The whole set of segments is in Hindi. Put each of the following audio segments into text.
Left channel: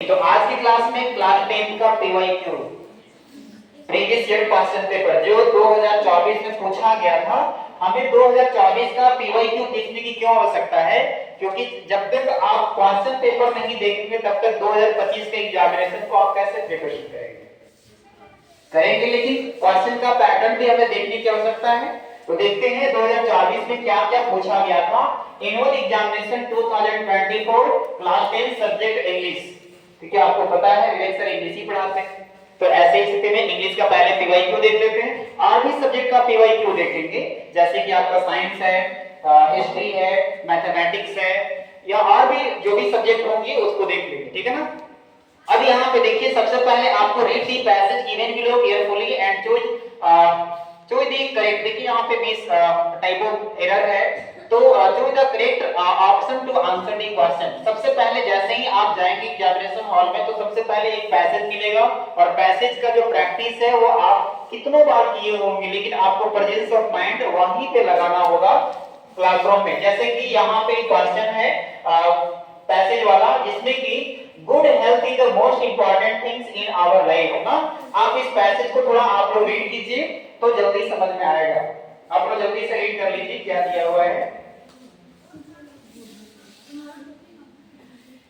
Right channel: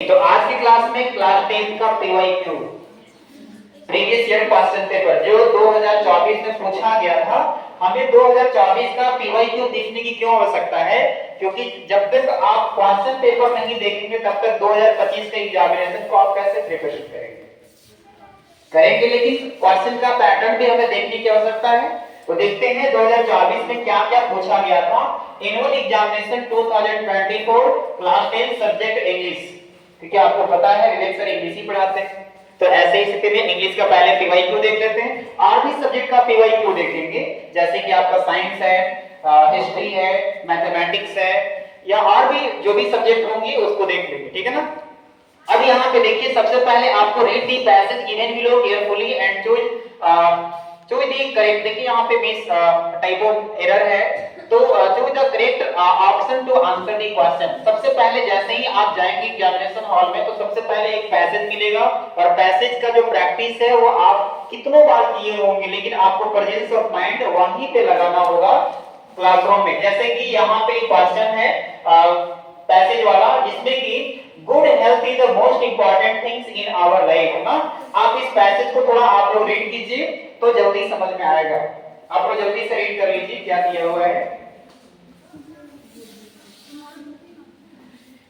तो आज की क्लास में क्लास 10 का PYQ previous year question paper जो 2024 में पूछा गया था, हमें 2024 का पीवाईक्यू देखने की क्यों आवश्यकता है? क्योंकि जब तक आप क्वेश्चन पेपर नहीं देखेंगे तब तक 2025 के एग्जामिनेशन को आप कैसे प्रिपरेशन करेंगे। लेकिन क्वेश्चन का पैटर्न भी हमें देखने की आवश्यकता है। तो देखते हैं 2024 में क्या क्या पूछा गया था। Annual examination 2024 class 10 subject English, क्योंकि आपको पता है विवेक सर इंग्लिश ही पढ़ाते हैं, तो ऐसे ही स्थिति में इंग्लिश का पहले पीवाईक्यू देख लेते हैं। और भी सब्जेक्ट का पीवाईक्यू देखेंगे, जैसे कि आपका साइंस है, हिस्ट्री है, मैथमेटिक्स है, या और भी जो भी सब्जेक्ट होंगे उसको देख लेंगे, ठीक है ना। अब यहाँ पे देखिए, सबसे पहले आपको read the passage given below carefully and choose the correct. देखिए यहाँ पे मिस टाइप ऑफ एरर है, तो choose the correct option to answer the question. सबसे पहले जैसे ही आप जाएंगे एग्जामिनेशन हॉल में तो सबसे पहले एक पैसेज मिलेगा, और पैसेज का जो प्रैक्टिस है वो आप कितनों बार किए होंगे, लेकिन आपको प्रेजेंस ऑफ माइंड वहीं पे लगाना होगा क्लासरूम में। जैसे कि यहाँ पे क्वेश्चन है पैसेज वाला, जिसमें कि good health is the most important things in our life ना। आप इस पैसेज को थोड़ा आप लोग रीड कीजिए तो जल्दी समझ में आएगा। आप लोग जल्दी से रीड कर लीजिए क्या दिया हुआ है।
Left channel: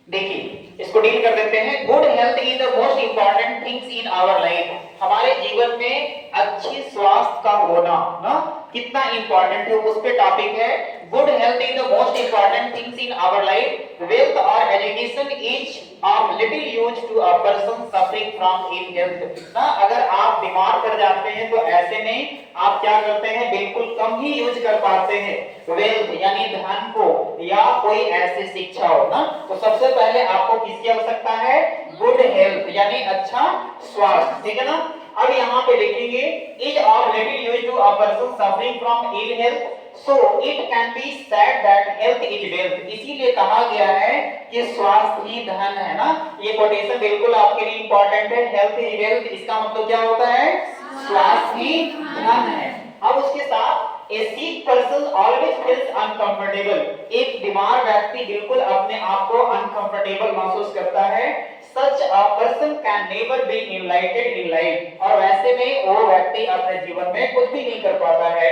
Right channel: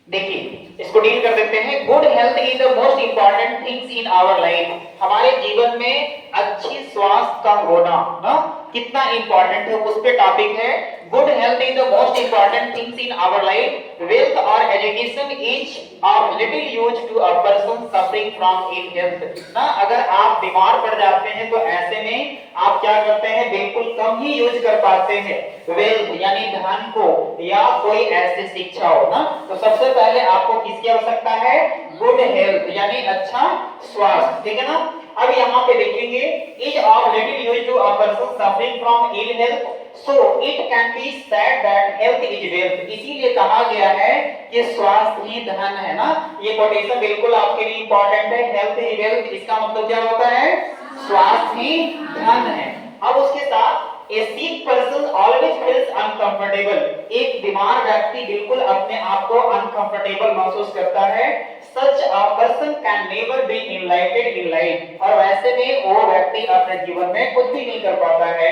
देखिए इसको डील कर देते हैं। Good health is the most important things in our life. हमारे जीवन में अच्छी स्वास्थ्य का होना ना कितना इंपॉर्टेंट है, उस पे टॉपिक है। Good health is the most important things in our life. Wealth और education is of little use to a person suffering from ill health ना। अगर आप बीमार पड़ जाते हैं तो ऐसे में आप क्या करते हैं, बिल्कुल कम ही यूज कर पाते हैं वेल्थ यानी धन को, या कोई ऐसी शिक्षा हो ना। तो सबसे पहले आपको किसकी आवश्यकता है? गुड हेल्थ यानी अच्छा स्वास्थ्य, ठीक है ना। अब यहाँ पे देखेंगे, is of little use to a person suffering from ill health, so it can be said that health is wealth. इसीलिए कहा गया है कि स्वास्थ्य ही धन है ना। ये कोटेशन बिल्कुल आपके लिए इंपॉर्टेंट है। हेल्थ इज वेल्थ, इसका मतलब क्या होता है? स्वास्थ्य ही धन है। अब उसके साथ A sick person always feels uncomfortable. एक बीमार व्यक्ति बिल्कुल अपने आप को अनकंफर्टेबल महसूस करता है। Such a person can never be enlightened in life. और वैसे में वो व्यक्ति अपने जीवन में कुछ भी नहीं कर पाता है।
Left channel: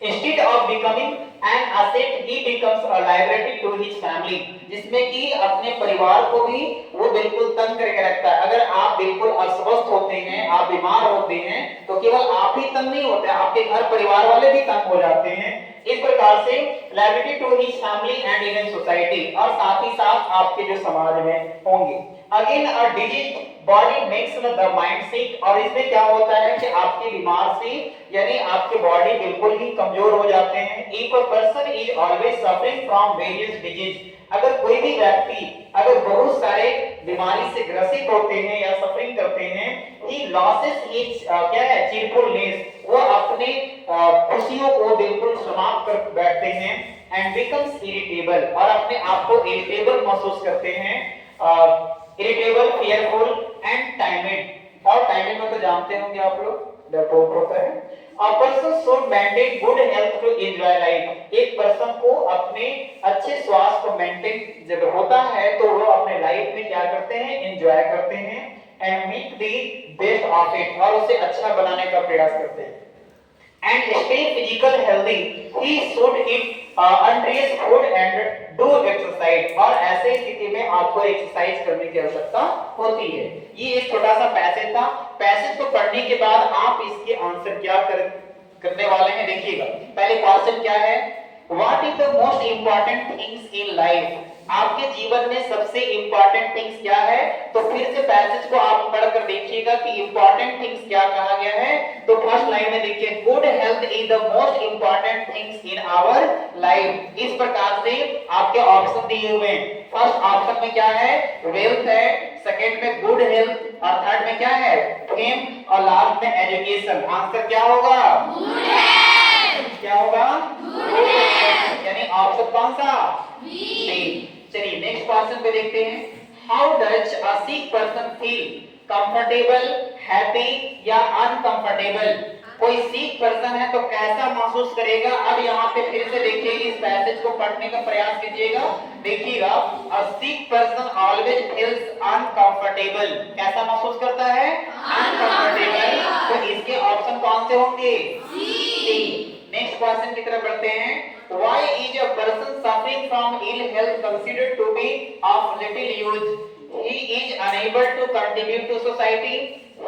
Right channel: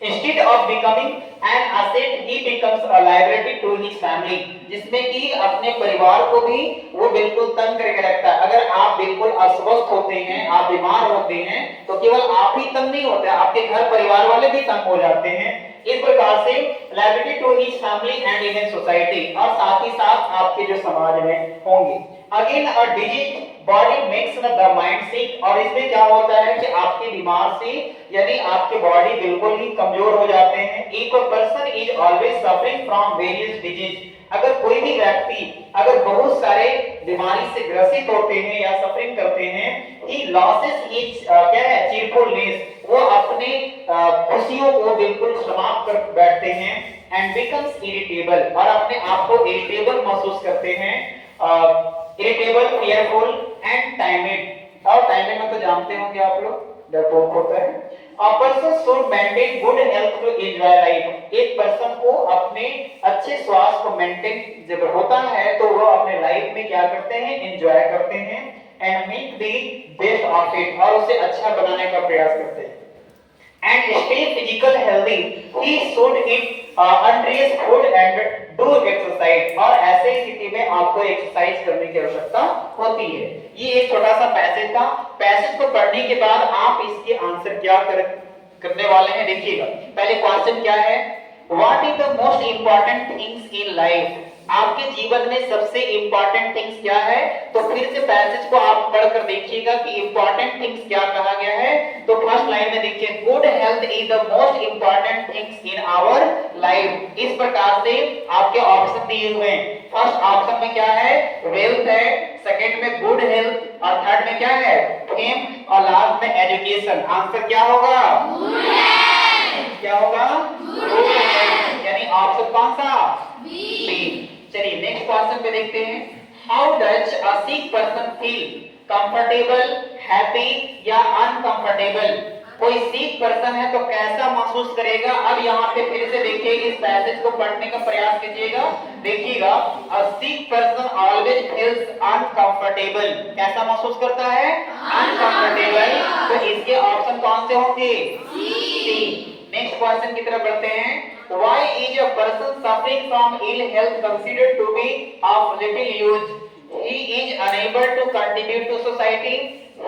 Instead of becoming an asset, he becomes a liability to his family. जिसमें कि अपने परिवार को भी वो बिल्कुल तंग करके रखता है। अगर आप बिल्कुल अस्वस्थ होते हैं, आप बीमार होते हैं, तो केवल आप ही तंग नहीं होते, आपके घर परिवार वाले भी तंग हो जाते हैं। इस प्रकार से liability to his family and even society, और साथ ही साथ आपके जो समाज में होंगे। Again a diseased body makes the mind sick, और इसमें क्या होता है कि आपके बीमार से यानी आपके बॉडी बिल्कुल ही कमजोर हो जाते हैं। एक person is always suffering from various disease. अगर कोई भी व्यक्ति अगर बहुत सारे बीमारी से ग्रसित होते हैं या सफरिंग करते हैं, ही लॉसेस हिज क्या है, चीरफुलनेस, वो अपने खुशियों को बिल्कुल समाप्त कर बैठते हैं। एंड बिकम्स इरिटेबल, और अपने आप को इरिटेबल महसूस करते हैं। Irritable, fearful and timid. और टाइमिड में तो जानते होंगे आप लोग, डरपोक होता है। A person should maintain good health to enjoy life. एक पर्सन को अपने अच्छे स्वास्थ्य को मेंटेन जब होता है तो वो अपने लाइफ में क्या करते हैं, एंजॉय करते हैं। And make the best of it, और उसे अच्छा बनाने का प्रयास करते हैं। And stay physical healthy, he should eat nutritious food and do exercise। और ऐसे स्थिति में आपको एक्सरसाइज करने की आवश्यकता होती है। ये एक छोटा सा पैसेज था। पैसेज को पढ़ने के बाद आप इसके आंसर क्या करने वाले हैं, देखिएगा। पहले क्वेश्चन क्या है, what is the most important things in life. आपके जीवन में सबसे इंपॉर्टेंट थिंग्स क्या है? तो फिर से पैसेज को आप पढ़कर देखिएगा कि इंपॉर्टेंट थिंग्स क्या कहा गया है। तो फर्स्ट लाइन में देखिए, good health is the most important things in our life. इस प्रकार से आपके ऑप्शन दिए हुए हैं। फर्स्ट ऑप्शन में क्या है, वेल्थ है, सेकंड में गुड हेल्थ, और थर्ड में क्या है, फेम, और लास्ट में एजुकेशन। आंसर क्या होगा? क्या होगा? यानी ऑप्शन कौन सा? बी। चलिए नेक्स्ट क्वेश्चन पे देखते हैं। How does a sick person feel, comfortable, happy या अनकंफर्टेबल? कोई सीक पर्सन है तो कैसा महसूस करेगा? अब यहाँ पे फिर से देखिए, इस पैसेज को पढ़ने का प्रयास कीजिएगा, देखिएगा। A sick person always feels uncomfortable, कैसा महसूस करता है? अनकंफर्टेबल। तो इसके ऑप्शन कौन से होंगे? सी। नेक्स्ट क्वेश्चन की तरफ बढ़ते हैं। Why is a person suffering from ill health considered to be of little use? He is unable to contribute to society.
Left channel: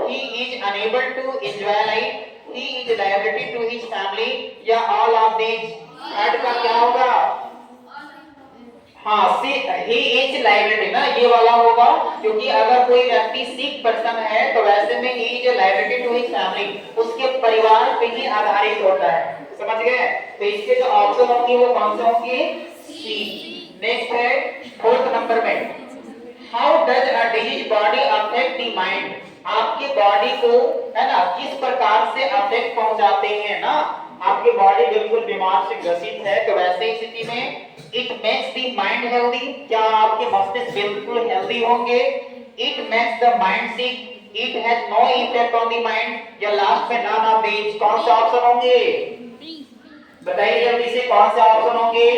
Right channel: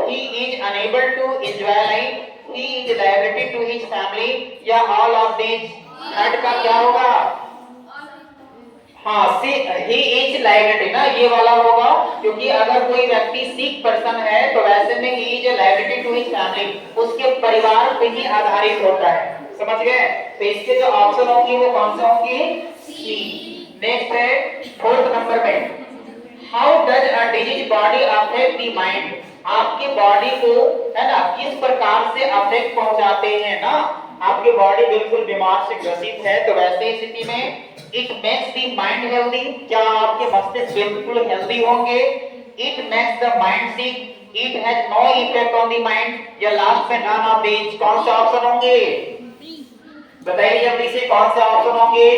He is unable to enjoy life. He is liability to his family. या all of these? थर्ड का क्या होगा? हाँ, सी ही इज लायबिलिटी ना, ये वाला होगा, क्योंकि अगर कोई व्यक्ति सिक पर्सन है तो वैसे में ही is liability to his family, उसके परिवार पे ही आधारित होता है। समझ गए? तो इसके जो ऑप्शन होंगे वो कौन से होंगे? सी। नेक्स्ट है फोर्थ नंबर में, how does a disease body affect the mind? आपके बॉडी को, है ना, किस प्रकार से अफेक्ट पहुंचाते हैं ना? आपकी बॉडी बिल्कुल बीमार से ग्रसित है तो वैसे ही स्थिति में it makes the mind healthy, क्या आपके मस्तिष्क बिल्कुल हेल्दी होंगे? It makes the mind sick, it has no effect on the mind, या लास्ट में नन ऑफ दीज? कौन सा ऑप्शन होंगे? बताइए जल्दी से, कौन सा ऑप्शन होंगे?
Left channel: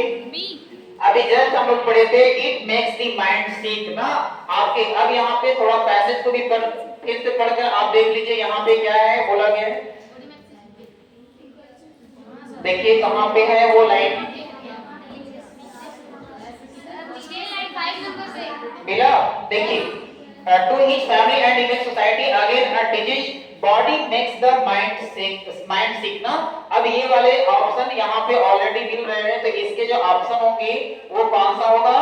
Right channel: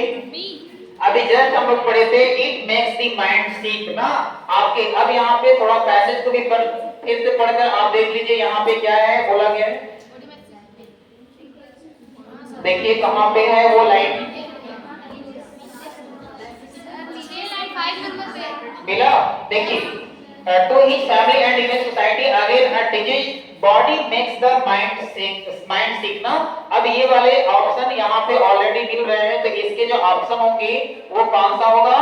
अभी जस्ट हम लोग पढ़े थे इट मेक्स द माइंड सिक ना आपके। अब यहाँ पे थोड़ा पैसेज को भी फिर से पढ़कर आप देख लीजिए, यहाँ पे क्या है बोला गया है, देखिए कहाँ पे है वो लाइन मिला? देखिए, to his family and even society again a disease body makes the mind sick ना। अब ये वाले ऑप्शन यहाँ पे ऑलरेडी मिल रहे हैं, तो इसके जो ऑप्शन होंगे वो कौन सा होगा?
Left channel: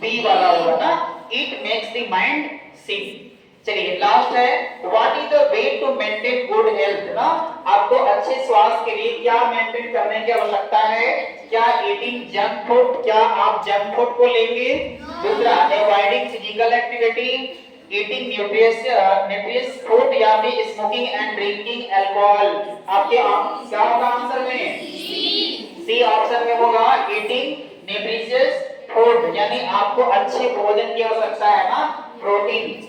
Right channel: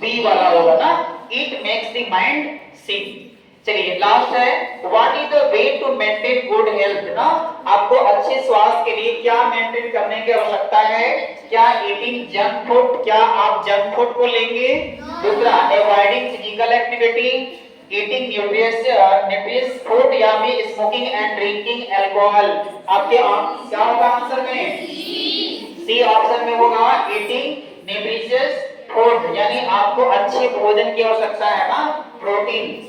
बी वाला होगा ना, it makes the mind sick. चलिए लास्ट है, what is the way to maintain good health ना? आपको अच्छे स्वास्थ्य के लिए क्या मेंटेन करने की आवश्यकता है? क्या ईटिंग जंक फूड, क्या आप जंक फूड को लेंगे? दूसरा, avoiding physical activity, eating nutritious food, या फिर स्मोकिंग एंड ड्रिंकिंग अल्कोहल? आपके क्या होगा आंसर में? सी ऑप्शन में होगा, ईटिंग न्यूट्रिशियस फूड, यानी आपको अच्छे भोजन की आवश्यकता है ना, प्रोटीन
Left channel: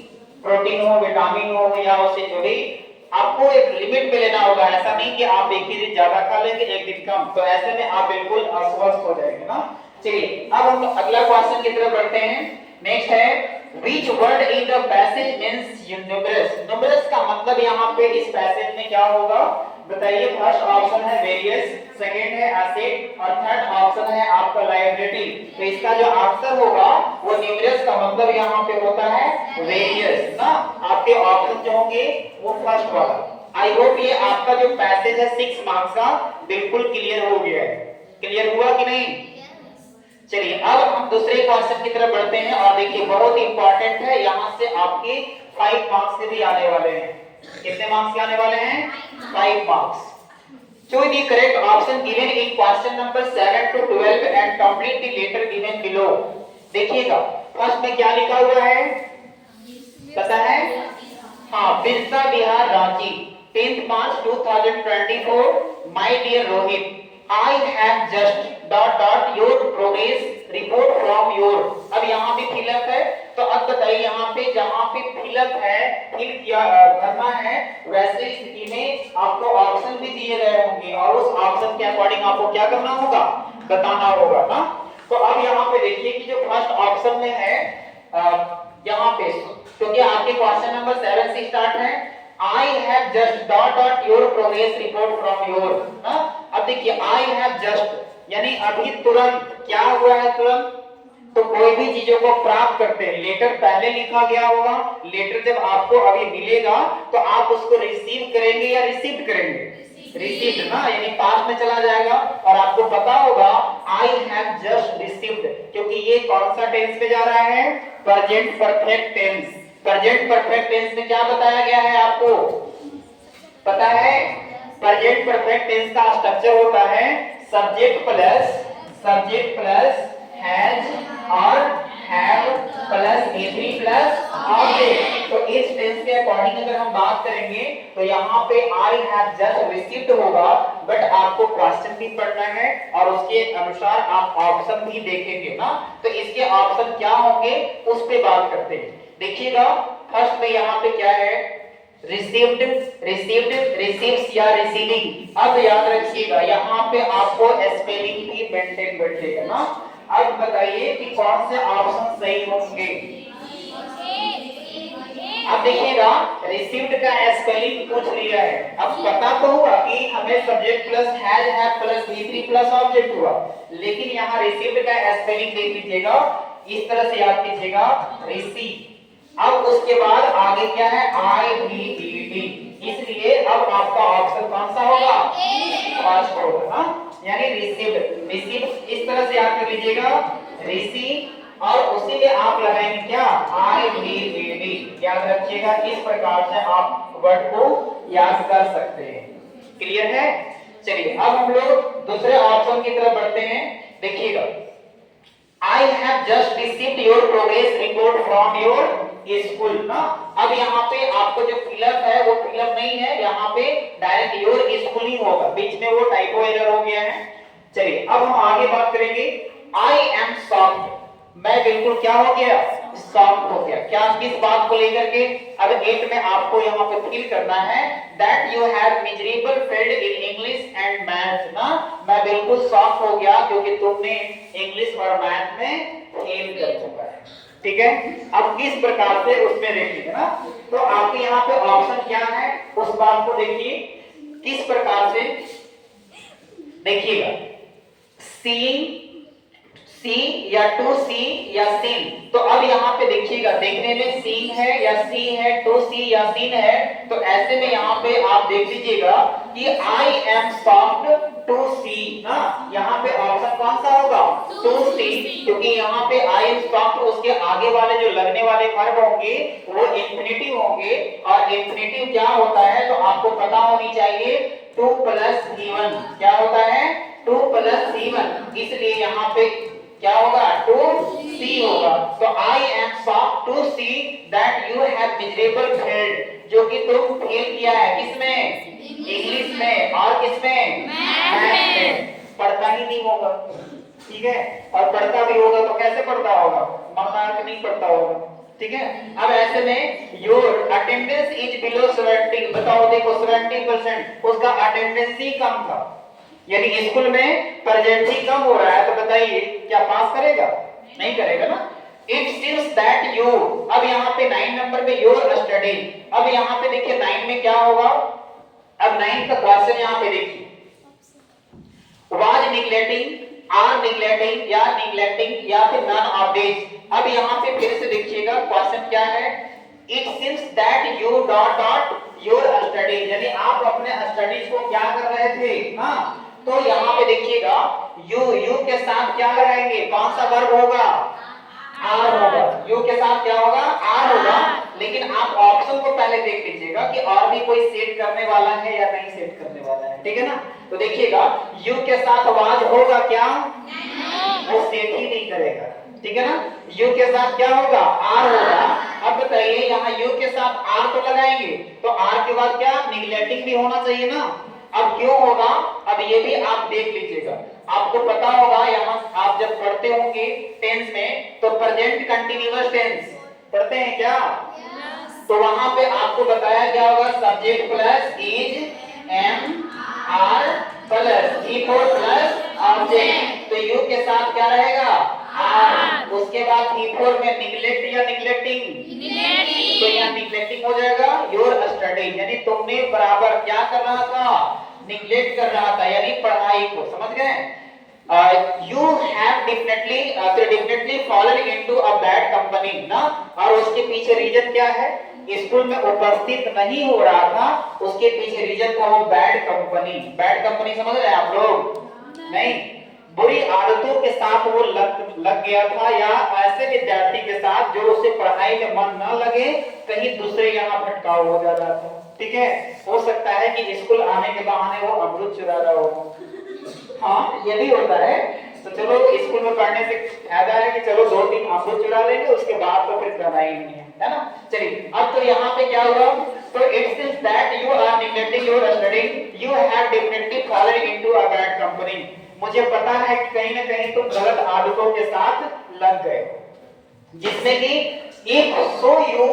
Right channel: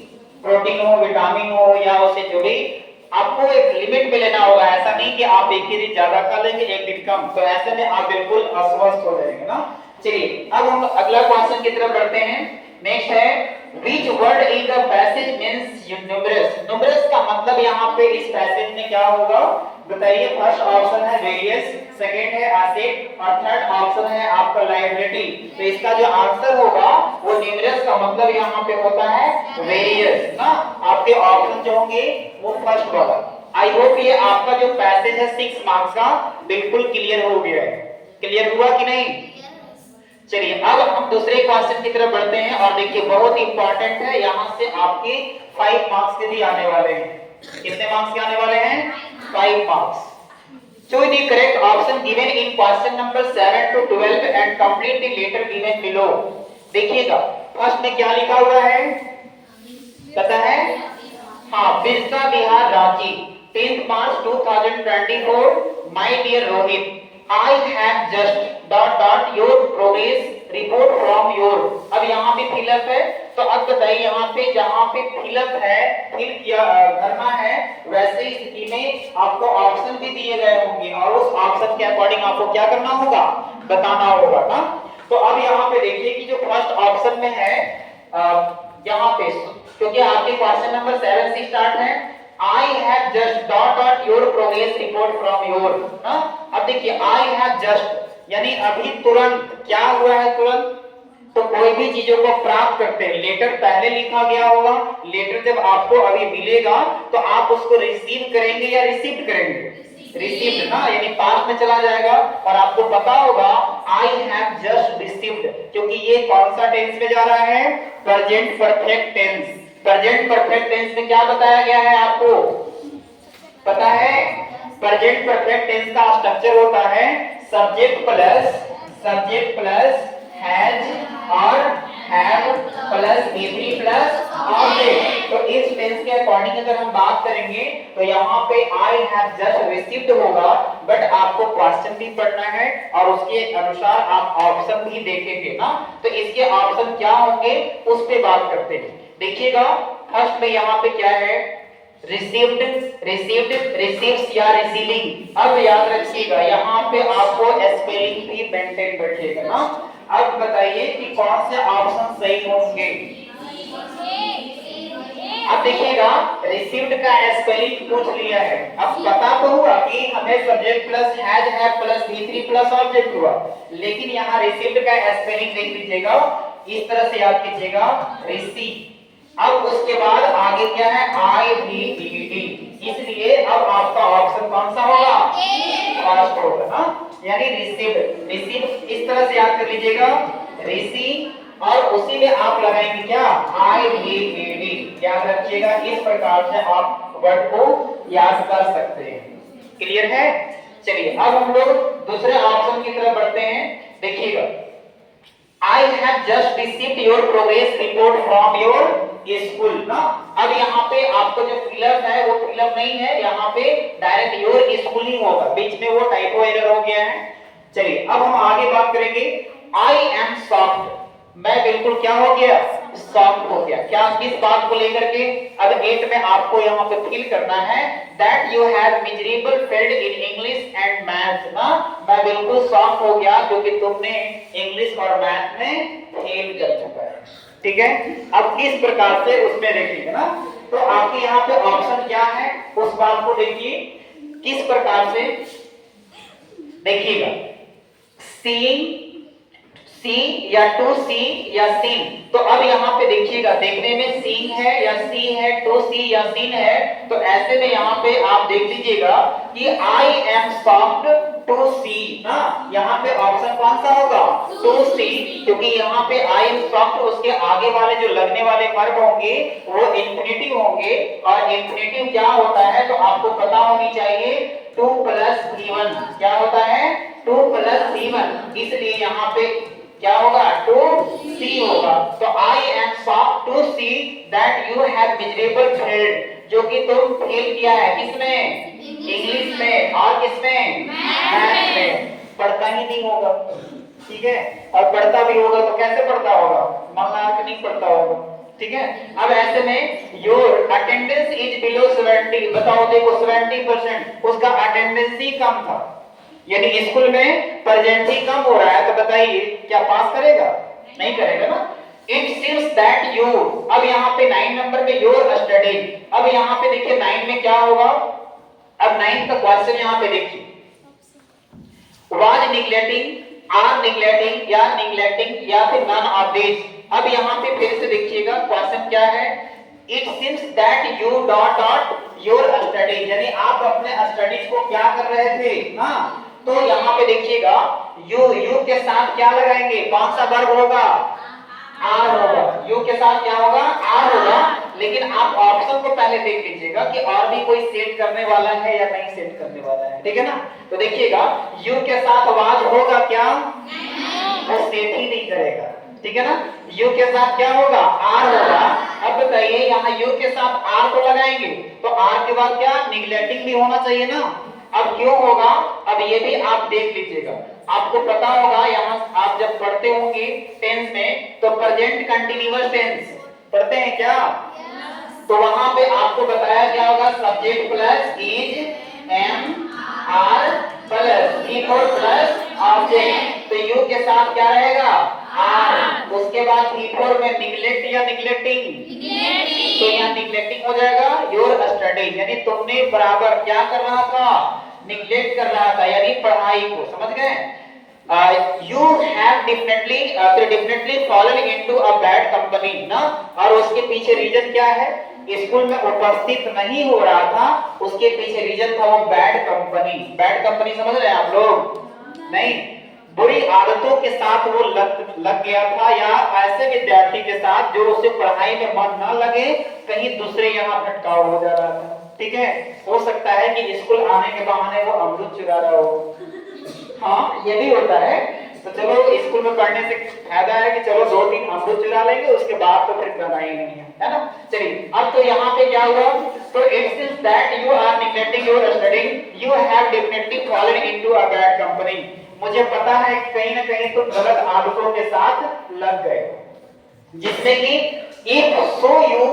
हो, विटामिन हो, या उससे जुड़ी आपको एक लिमिट में लेना होगा। ऐसा नहीं कि आप एक ही दिन ज्यादा खा लेंगे एक दिन कम, तो ऐसे में आप बिल्कुल अस्वस्थ हो जाएंगे ना। चलिए अब हम अगला क्वेश्चन की तरफ बढ़ते हैं। नेक्स्ट है, which word in the passage means numerous? numerous का मतलब यहाँ पे इस पैसेज में क्या होगा बताइए? फर्स्ट ऑप्शन है वेरियस, सेकंड है एसेट, और थर्ड ऑप्शन है आपका लायबिलिटी। तो इसका जो आंसर होगा वो न्यूमरस का मतलब यहाँ पे होता है वेरियस ना। आपके ऑप्शन जो होंगे वो फर्स्ट वाला। आई होप ये आपका जो पैसेज है 6 मार्क्स का बिल्कुल क्लियर हो गया है। क्लियर हुआ कि नहीं? चलिए अब हम दूसरे क्वेश्चन की तरफ बढ़ते हैं, और देखिए बहुत इंपॉर्टेंट है, यहाँ से आपके 5 मार्क्स के भी आने वाले हैं। कितने मार्क्स के आने वाले हैं? 5 marks. Choose the correct option given in question number 7 to 12 and complete the letter given below। देखिएगा फर्स्ट में क्या लिखा हुआ है पता है? हाँ, Birsa Bihar Ranchi 10th March 2024। My dear Rohit, I have just your progress report from your। अब यहाँ पे फिलअप है, तो अब बताइए यहाँ पे जहाँ पे फिलअप है फिर क्या करना है? वैसे ही स्थिति में आपको ऑप्शन भी दिए गए होंगे और उस ऑप्शन के अकॉर्डिंग आपको क्या करना होगा? बताना होगा ना। तो अब यहाँ पे देखिए कि जो फर्स्ट ऑप्शन में है यहाँ पे, क्योंकि आपके क्वेश्चन नंबर 7 से स्टार्ट है, I have just your progress report from your ना। अब देखिए I have just यानी अभी तुरंत, क्या हुआ है तुरंत? तो कोई भी चीजों को प्राप्त करते हैं, लेटर पहले लिखा गया होगा, लेटर जब आपको अभी मिलेगा तो आप उसको रिसीव करेंगे या रिसीव करेंगे? रिसीव्ड ना, यानी पास्ट में चला जाएगा और आपको पता होगा I have just received, क्योंकि ये कौन सा टेंस में जा रहा है? Present perfect tense. Present perfect tense में क्या बताया गया है आपको पता है? प्रेजेंट परफेक्ट टेंस का स्ट्रक्चर होता है सब्जेक्ट प्लस हैज और have plus every plus object. तो इस टेंस के अकॉर्डिंग अगर हम बात करेंगे तो यहाँ पे आई हैव जस्ट रिसीव्ड होगा, बट आपको क्वेश्चन भी पढ़ना है और उसके अनुसार आप ऑप्शन भी देखेंगे ना। तो इसके ऑप्शन क्या होंगे उस पे बात करते हैं। देखिएगा फर्स्ट में यहाँ पे क्या है? रिसीव्ड, रिसीव्ड, रिसीव्स या रिसीविंग। अब याद रखिएगा यहाँ पे आपको स्पेलिंग भी मेंटेन बैठेगा ना। अब बताइए कि कौन से ऑप्शन सही होंगे। अब देखिएगा रिसीव्ड का स्पेलिंग पूछ लिया है। अब पता तो हुआ कि हमें subject plus has have plus V3 plus object हुआ, लेकिन यहाँ रिसीव्ड का स्पेलिंग देख लीजिएगा, इस तरह से याद कीजिएगा रिसीव। अब उसके बाद आगे क्या है IVED, इसलिए अब आपका ऑप्शन कौन सा होगा, फर्स्ट होगा ना, यानी रिसीव्ड। रिसीव इस तरह से याद कर लीजिएगा रिसीव, और उसी में आप लगाएंगे क्या IVED। याद रखिएगा, इस प्रकार से आप वर्ड को याद कर सकते हैं। क्लियर है। चलिए अब हम लोग दूसरे ऑप्शन की तरफ बढ़ते हैं। देखिएगा I have just received your progress report from your school ना। अब यहाँ पे आपको जो फिलअप है वो फिलअप नहीं है, यहाँ पे डायरेक्ट योर स्कूल ही होगा, बीच में वो टाइपो एरर हो गया है। चलिए अब हम आगे बात करेंगे। I am shocked, मैं बिल्कुल क्या हो गया, शॉक्ड हो गया। क्या किस बात को लेकर के। अब 8 में आपको यहाँ पे फील करना है that you have miserable failed in English and maths ना। मैं बिल्कुल शॉक हो गया क्योंकि तुमने इंग्लिश और मैथ में फेल कर चुका है। ठीक है, अब किस प्रकार से उसमें देखिएगा ना, तो आपके यहाँ पे ऑप्शन क्या है उस बात को देखिए किस प्रकार से। देखिएगा सीइंग, सी या टू सी या सीन। तो अब यहाँ पे देखिएगा देखने में सीन है या सी है, टू सी या सीन है, तो ऐसे में यहाँ पे आप देख लीजिएगा कि आई एम शॉक्ड टू सी ना। यहाँ पे ऑप्शन कौन सा होगा, टू सी, क्योंकि यहाँ पे आई एम शॉक्ड उसके आगे वाले जो लगने वाले वर्ब होंगे वो इंफिनिटिव होंगे, और इंफिनिटिव क्या होता है तो आपको पता होनी चाहिए 2 + V1 क्या होता है, 2 + V1, इसलिए यहाँ पे क्या होगा, टू सी होगा। तो I am shocked to see that you have miserable failed, जो कि तुम फेल किया है किसमें, इंग्लिश में, और किसमें, मैथ्स में। पढ़ता ही नहीं होगा, ठीक है, और पढ़ता भी होगा तो कैसे पढ़ता होगा, मन लगा के नहीं पढ़ता होगा। ठीक है, अब ऐसे में योर अटेंडेंस इज बिलो 70, बताओ देखो 70% उसका अटेंडेंस ही कम था, यानी स्कूल में प्रेजेंट ही कम हो रहा है, तो बताइए क्या पास करेगा, नहीं करेगा ना। इट सीम्स दैट यू, अब यहाँ पे 9 नंबर पे योर स्टडी। अब यहाँ पे देखिए 9 में क्या होगा, अब 9 का क्वेश्चन यहाँ पे देखिए, वाज निग्लेक्टिंग, आर निग्लेक्टिंग, या निग्लेक्टिंग, या फिर नन ऑफ दिस। अब यहाँ पे फिर से देखिएगा क्वेश्चन क्या है, it seems that U dot dot your study, यानी आप अपने स्टडीज को क्या कर रहे थे। हाँ, तो यहाँ पे देखिएगा यू के साथ क्या लगाएंगे, कौन सा वर्ब होगा, आर होगा। यू के साथ क्या होगा, आर होगा, लेकिन आप ऑप्शन को पहले देख लीजिएगा कि और भी कोई सेट करने वाला है या नहीं सेट करने वाला है। ठीक है ना, तो देखिएगा यू के साथ वाज होगा क्या, वो सेट ही नहीं करेगा। ठीक है ना, यू के साथ क्या होगा, आर होगा। अब बताइए यहाँ यू के साथ आर तो लगाएंगे, तो आर के बाद क्या, निग्लेक्टिंग भी होना चाहिए ना। अब क्यों होगा, अब ये भी आप देख लीजिएगा, आपको पता होगा यहाँ आप जब पढ़ते होंगे टेंस में तो प्रेजेंट कंटीन्यूअस टेंस पढ़ते हैं क्या, तो वहां पे आपको बताया क्या होगा, subject plus is am are plus V4 plus object, तो यू के साथ क्या रहेगा, आर। उसके बाद V4 में निग्लेक्ट या निग्लेक्टिंग, तो यहाँ निग्लेक्टिंग हो जाएगा योर स्टडी, यानी तुमने बराबर क्या कर रहा था, निग्लेक्ट कर रहा था, यानी पढ़ाई को। समझ गए, you have definitely fallen into a bad company ना। और उसके पीछे रीजन क्या है, स्कूल में उपस्थित नहीं हो रहा था, उसके पीछे रीजन था वो बैड कंपनी। बैड कंपनी समझ रहे हैं आप लोग, नहीं, बुरी आदतों के साथ वो लग गया था, या ऐसे विद्यार्थी के साथ जो उसे पढ़ाई में मन न लगे, कहीं दूसरे यहाँ भटकाव हो जा रहा था। ठीक है, हो सकता है कि स्कूल आने के बहाने वो अमरूद चुरा रहा हो, हाँ ये भी होता है। तो चलो स्कूल में पढ़ने से फायदा है कि चलो 2-3 अमरूद चुरा लेंगे, उसके बाद तो फिर करना ही नहीं है ना। चलिए अब तो यहाँ पे क्या हुआ, तो it seems that you are neglecting your study, you have definitely fallen into a bad company. मुझे पता है कि कहीं ना कहीं तुम गलत आदतों के साथ लग गए, जिसमें कि if so you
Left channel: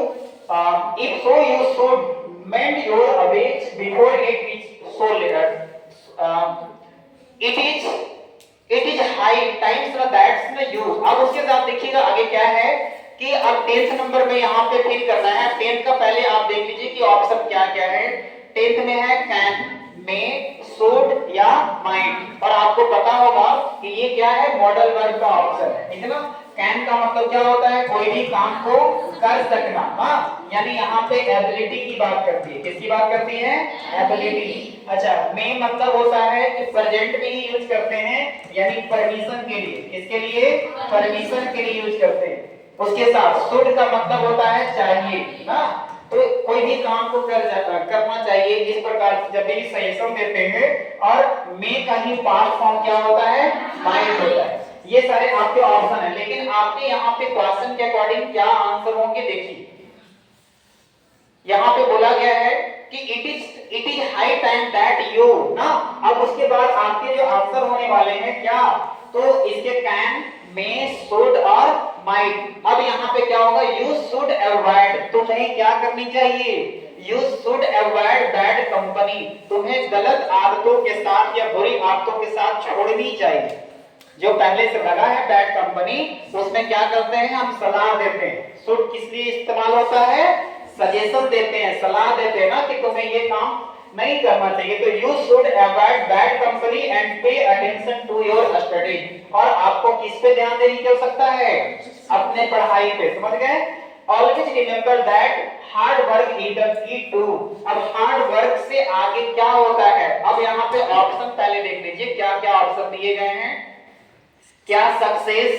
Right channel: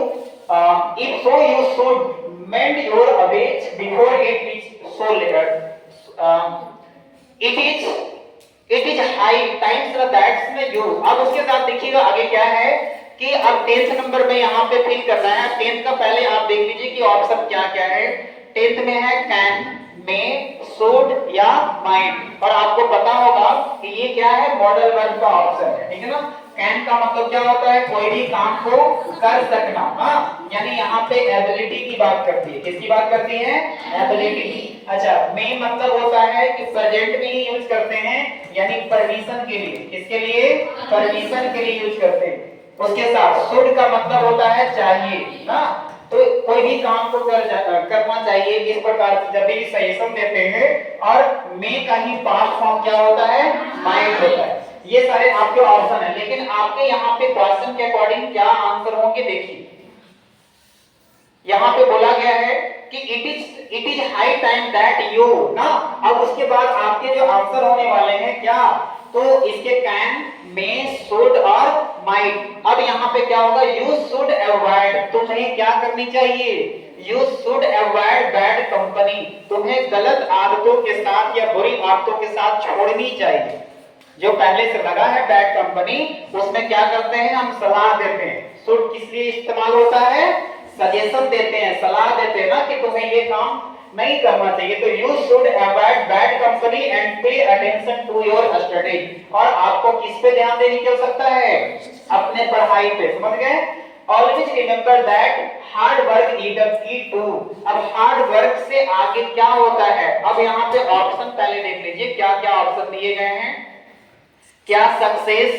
if so you should mend your ways before it is so late. It is high times that's the use. अब उसके साथ देखिएगा आगे क्या है कि अब 10th नंबर में यहाँ पे फिल करना है। 10th का पहले आप देख लीजिए कि ऑप्शन क्या क्या है। 10th में है कैन, मे, शुड या माइट, और आपको पता होगा कि ये क्या है, मॉडल वर्ब का ऑप्शन है, ठीक है ना। कैन का मतलब क्या होता है, कोई भी काम को कर सकना, हाँ, यानी यहाँ पे एबिलिटी की बात करती है। किसकी बात करती है, एबिलिटी। अच्छा, मे मतलब होता है कि प्रेजेंट में ही यूज करते हैं, यानी परमिशन के लिए। किसके लिए, परमिशन के लिए यूज करते हैं। उसके साथ शुड का मतलब होता है चाहिए ना, तो कोई भी काम को करना चाहिए, इस प्रकार से जब भी सजेशन देते हैं। और मे का ही पास्ट फॉर्म क्या होता है, माइट होता है। ये सारे आपके ऑप्शन है, लेकिन आपके यहाँ पे क्वेश्चन के अकॉर्डिंग क्या आंसर होंगे देखिए। यहाँ पे बोला गया है कि it is high time that you ना। अब उसके बाद आपके जो आंसर होने वाले हैं क्या, तो इसके कैन, मे, शुड और माइट। अब यहाँ पे क्या होगा, यू शुड अवॉइड, तुम्हें क्या करनी चाहिए, you should avoid bad company, तुम्हें गलत आदतों के साथ या बुरी आदतों के साथ छोड़नी चाहिए। जो पहले से लगा है बैड कंपनी, उसमें क्या करते हैं, हम सलाह देते हैं। शुड किस लिए इस्तेमाल होता है, सजेशन देते हैं, सलाह देते हैं ना कि तुम्हें ये काम नहीं करना चाहिए। तो you should avoid bad company and pay attention to your studies. और आपको किस पे ध्यान देने की आवश्यकता है, अपने पढ़ाई पे, समझ गए। Always remember that hard work is the key to. अब हार्ड वर्क से आगे क्या होता है, अब यहाँ पे ऑप्शन पहले देख लीजिए क्या क्या ऑप्शन दिए गए हैं। क्या सक्सेस,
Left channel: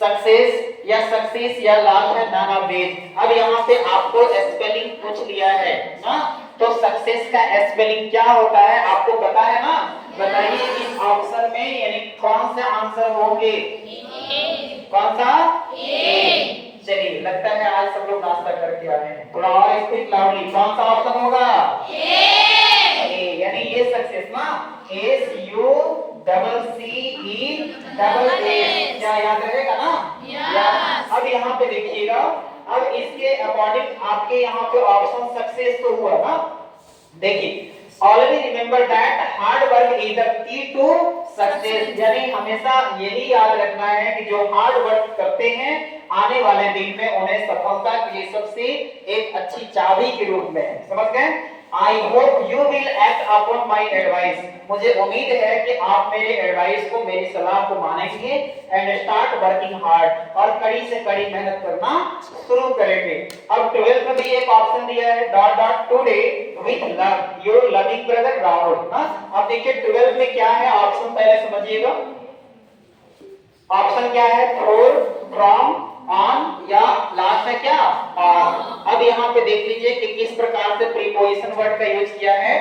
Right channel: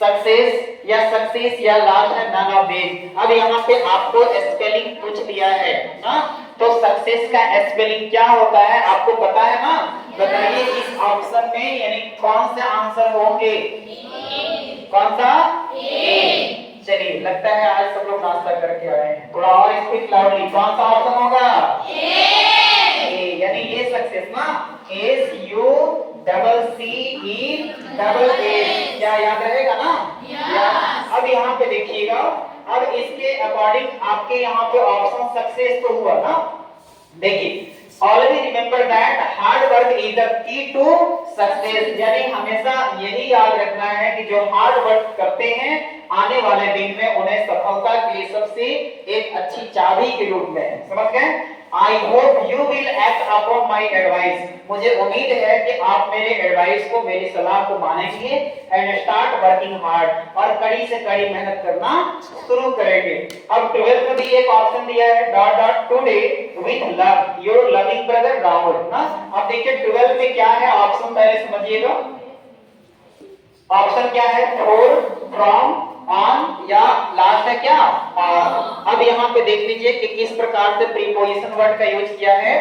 सक्सेस या सक्सेस या लास्ट है नन ऑफ दिस। अब यहाँ पे आपको स्पेलिंग पूछ लिया है ना, तो सक्सेस का स्पेलिंग क्या होता है आपको पता है ना, बताइए इस ऑप्शन में, यानी कौन से आंसर होंगे, कौन सा, ए। चलिए, लगता है आज सब लोग नाश्ता करके आए हैं, थोड़ा और स्पीक लाउडली, कौन सा ऑप्शन होगा, ए, यानी ये सक्सेस ना, S U double C E double S, क्या याद रहेगा ना, अब यहाँ पे देखिएगा, अब इसके अकॉर्डिंग आपके यहाँ पे ऑप्शन सक्सेस तो हुआ ना। देखिए, always remember that hard work is the key to success, यानी हमेशा यही याद रखना है कि जो हार्ड वर्क करते हैं आने वाले दिन में उन्हें सफलता के लिए सबसे एक अच्छी चाबी के रूप में है, समझ गए। I hope you will act upon my advice, मुझे उम्मीद है कि आप मेरे एडवाइस को, मेरी सलाह को मानेंगे एंड स्टार्ट वर्किंग हार्ड, और कड़ी से कड़ी मेहनत करना शुरू करेंगे। अब 12th में भी एक ऑप्शन दिया है, dot dot today with love your loving brother Rahul ना। अब देखिए 12th में क्या है ऑप्शन, पहले समझिएगा। ऑप्शन क्या है, फॉर, फ्रॉम, ऑन या लास्ट है क्या, अब यहाँ पे देख लीजिए कि किस प्रकार से प्रीपोजिशन वर्ड का यूज किया है।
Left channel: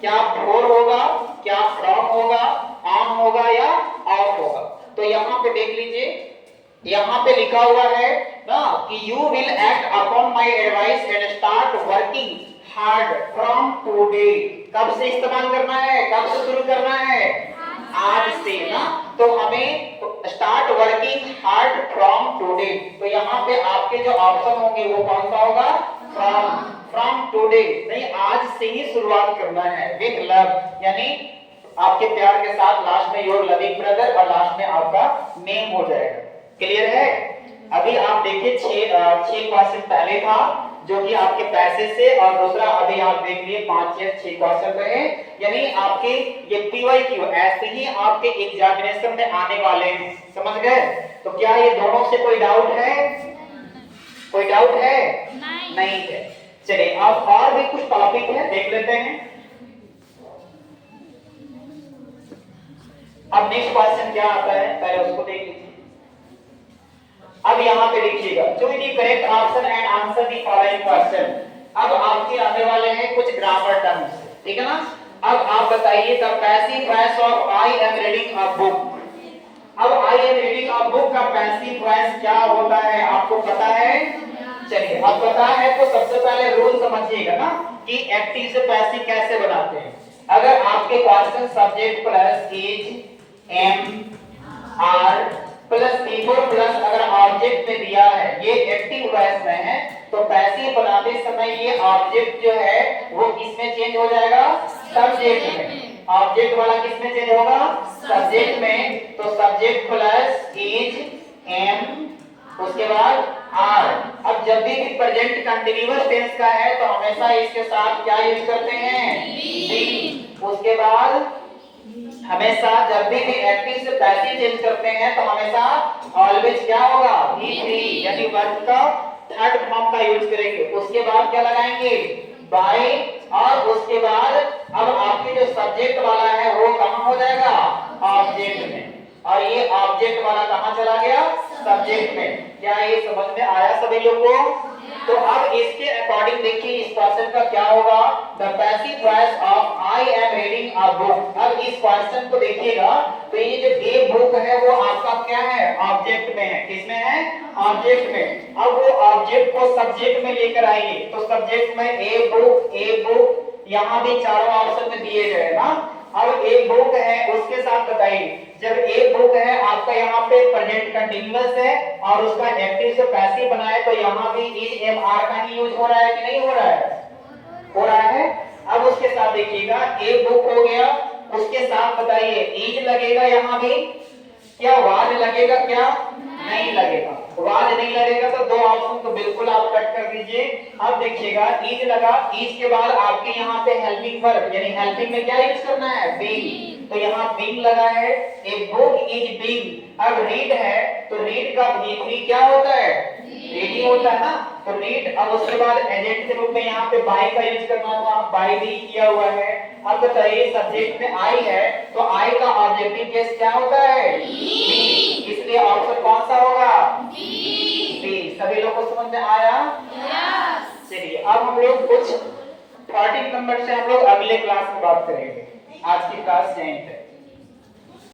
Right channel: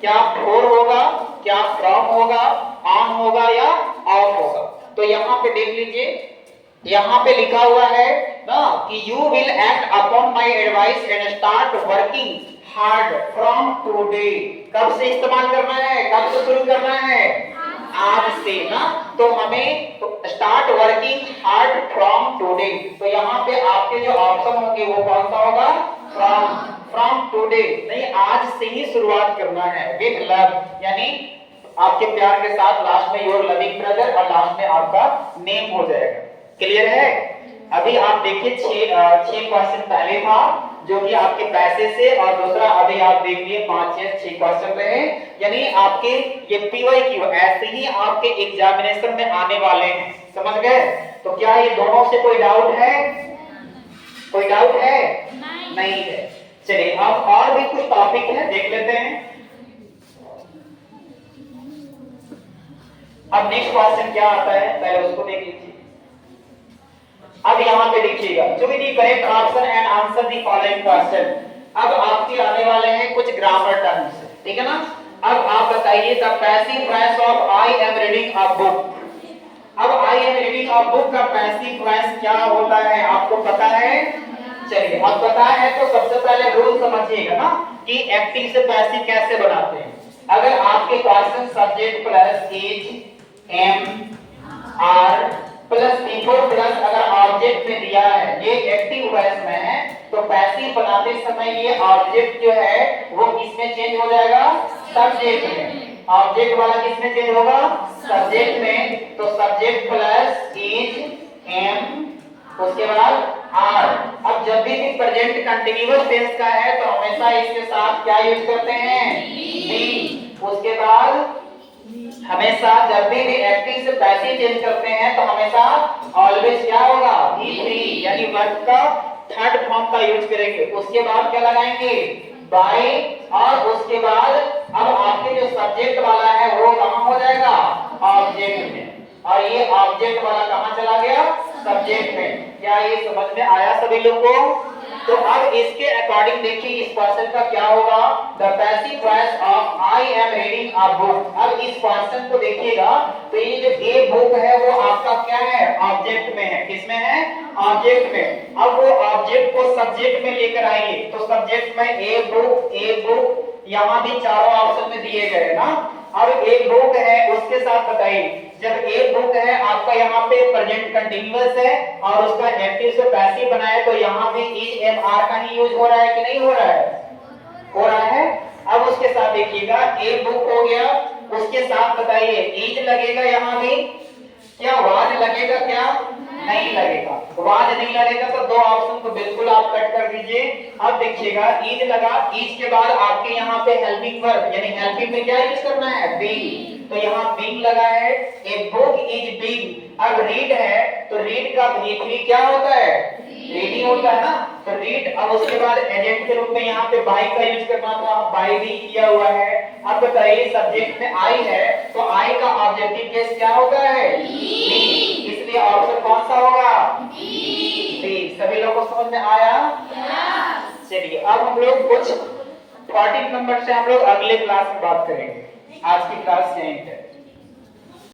क्या फॉर होगा, क्या फ्रॉम होगा, ऑन होगा या ऑफ होगा। तो यहाँ पे देख लीजिए, यहाँ पे लिखा हुआ है ना कि you will act upon my advice and start working hard from today. कब से इस्तेमाल करना है, कब से शुरू करना है, आज से ना। तो हमें start working hard from today, तो यहाँ पे आपके जो ऑप्शन होंगे वो कौन सा होगा, फ्रॉम, फ्रॉम टुडे, नहीं आज से ही शुरुआत करना है। विद लव, यानी आपके प्यार के साथ, लास्ट में योर लविंग ब्रदर और लास्ट में आपका नेम हो जाएगा। क्लियर है। अभी आप देखिए 6 क्वेश्चन पहले था जो कि आपके पैसे से, और दूसरा अभी आप देख लिए 5 या 6 क्वेश्चन रहे, यानी आपके ये पीवाईक्यू ऐसे ही आपके एग्जामिनेशन में आने वाले हैं, समझ गए। तो क्या ये दोनों से कोई डाउट है, कोई डाउट है, नहीं है। चलिए अब और भी कुछ टॉपिक है देख लेते हैं। अब नेक्स्ट क्वेश्चन क्या आता है पहले उसको देख लीजिए। अब यहाँ पे देखिएगा, choose the correct option and answer the following question. अब आपके आने वाले हैं कुछ ग्रामर टर्म्स, ठीक है ना। अब आप बताइए the passive voice of I am reading a book. अब I am reading a book का पैसिव वॉइस क्या होता है आपको पता है। चलिए अब पता है तो सबसे पहले रूल समझिएगा ना कि एक्टिव से पैसिव कैसे बनाते हैं। अगर आपके question subject plus is, am, are, plus before plus अगर ऑब्जेक्ट में दिया है, ये एक्टिव वॉइस में है, तो पैसिव बनाते समय ये ऑब्जेक्ट जो है वो किसमें चेंज हो जाएगा? सब्जेक्ट में। ऑब्जेक्ट वाला किसमें चेंज होगा? सब्जेक्ट में। तो सब्जेक्ट प्लस इज, एम, उसके बाद आर। अब जब भी प्रेजेंट कंटीन्यूअस टेंस का है तो हमेशा इसके साथ क्या यूज करते हैं? बी। उसके बाद हमेशा जब भी एक्टिव से पैसिव चेंज करते हैं तो हमेशा ऑलवेज क्या होगा? V3, यानी वर्ब का थर्ड फॉर्म का यूज करेंगे। उसके बाद क्या लगाएंगे? बाय। और उसके बाद अब आपके जो सब्जेक्ट वाला है वो कहां हो जाएगा? ऑब्जेक्ट में। और ये ऑब्जेक्ट वाला कहां चला गया? सब्जेक्ट में। क्या ये समझ में आया सभी लोगों को? तो अब इसके अकॉर्डिंग देखिए इस क्वेश्चन का क्या होगा? The passive voice of I am reading a book. अब इस क्वेश्चन को देखिएगा तो ये जो ए बुक है वो आपका क्या है? ऑब्जेक्ट में है। किसमें है? ऑब्जेक्ट में। अब वो ऑब्जेक्ट को सब्जेक्ट में लेकर आइए तो सब्जेक्ट में ए बुक यहाँ भी चारों ऑप्शन में दिए गए ना। अब ए बुक है उसके साथ बताइए, जब ए बुक है आपका यहाँ पे प्रेजेंट कंटीन्यूअस है और उसका एक्टिव से पैसिव बना है तो यहाँ भी इज, एम, आर का ही यूज हो रहा है कि नहीं हो रहा है? हो रहा है। अब उसके साथ देखिएगा ए बुक हो गया, उसके साथ बताइए इज लगेगा, यहाँ भी क्या वाज लगेगा? क्या नहीं लगेगा? वाज नहीं लगेगा तो दो ऑप्शन को बिल्कुल आप कट कर दीजिए। अब देखिएगा इज लगा, इज के बाद आपके यहाँ पे हेल्पिंग वर्ब, यानी हेल्पिंग में क्या यूज करना है? बीइंग। तो यहाँ बीइंग लगा है, ए बुक इज बीइंग। अब रीड है तो रीड का V3 क्या होता है? रीडिंग होता है ना। तो रीड। अब उसके बाद एजेंट के रूप में यहाँ पे बाय का यूज करना, तो आप बाय भी किया हुआ है। अब बताइए सब्जेक्ट में आई है तो आई का ऑब्जेक्टिव केस क्या होता है? बी। इसलिए ऑप्शन कौन सा होगा? बी। सभी लोगों को समझ में आया? चलिए अब हम लोग कुछ 14 नंबर से हम लोग अगले क्लास में बात करेंगे। आज की क्लास यहीं पे।